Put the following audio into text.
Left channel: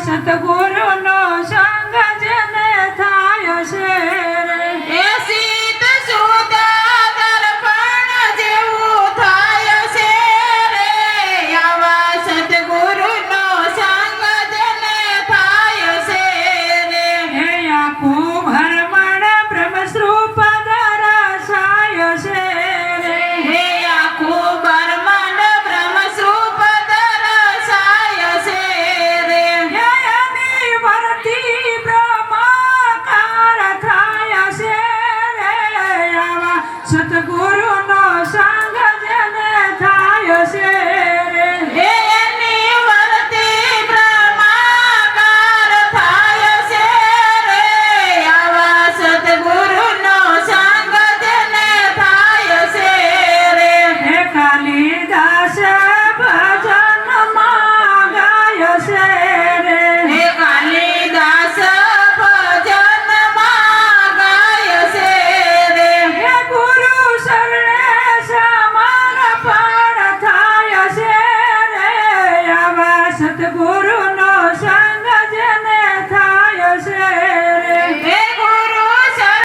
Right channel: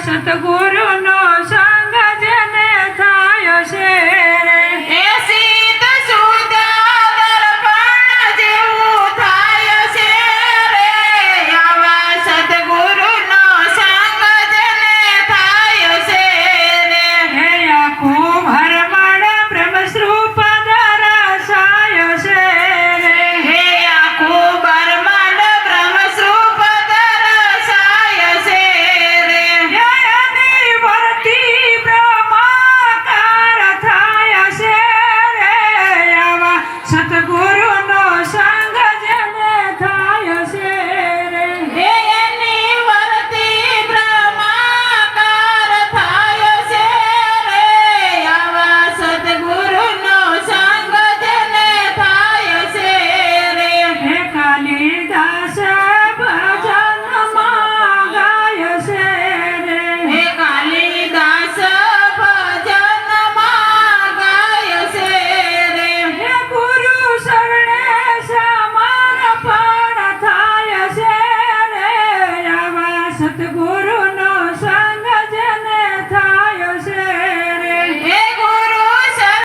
સતગુરુનો સંગ જેને થાય છે હે શીત સુદ દર્પણ જેવું થાય છે રે આવા સદગુરુનો સંગ જેને થાય છે રે હે આખો ભરમણ બ્રહ્મસ્વરૂપ દર્શાય છે હે આખું બ્રહ્માંડ બ્રહ્મસ્વરૂપ દર્શાય છે રે એની વર્તી બ્રહ્માકાર થાય છે રે આવા સતગુરુનો સંગ જેને થાય છે હે એની વર્તી બ્રહ્માકાર થાય છે રે આવા સદગુરુનો સંગ જેને થાય છે રે હે કાલિદાસ ભજનમાં ગાય છે રે હે કાલિદાસ ભજનમાં ગાય છે રે હે ગુરુ શરણે સમર્પણ થાય છે રે આવા સતગુરુનો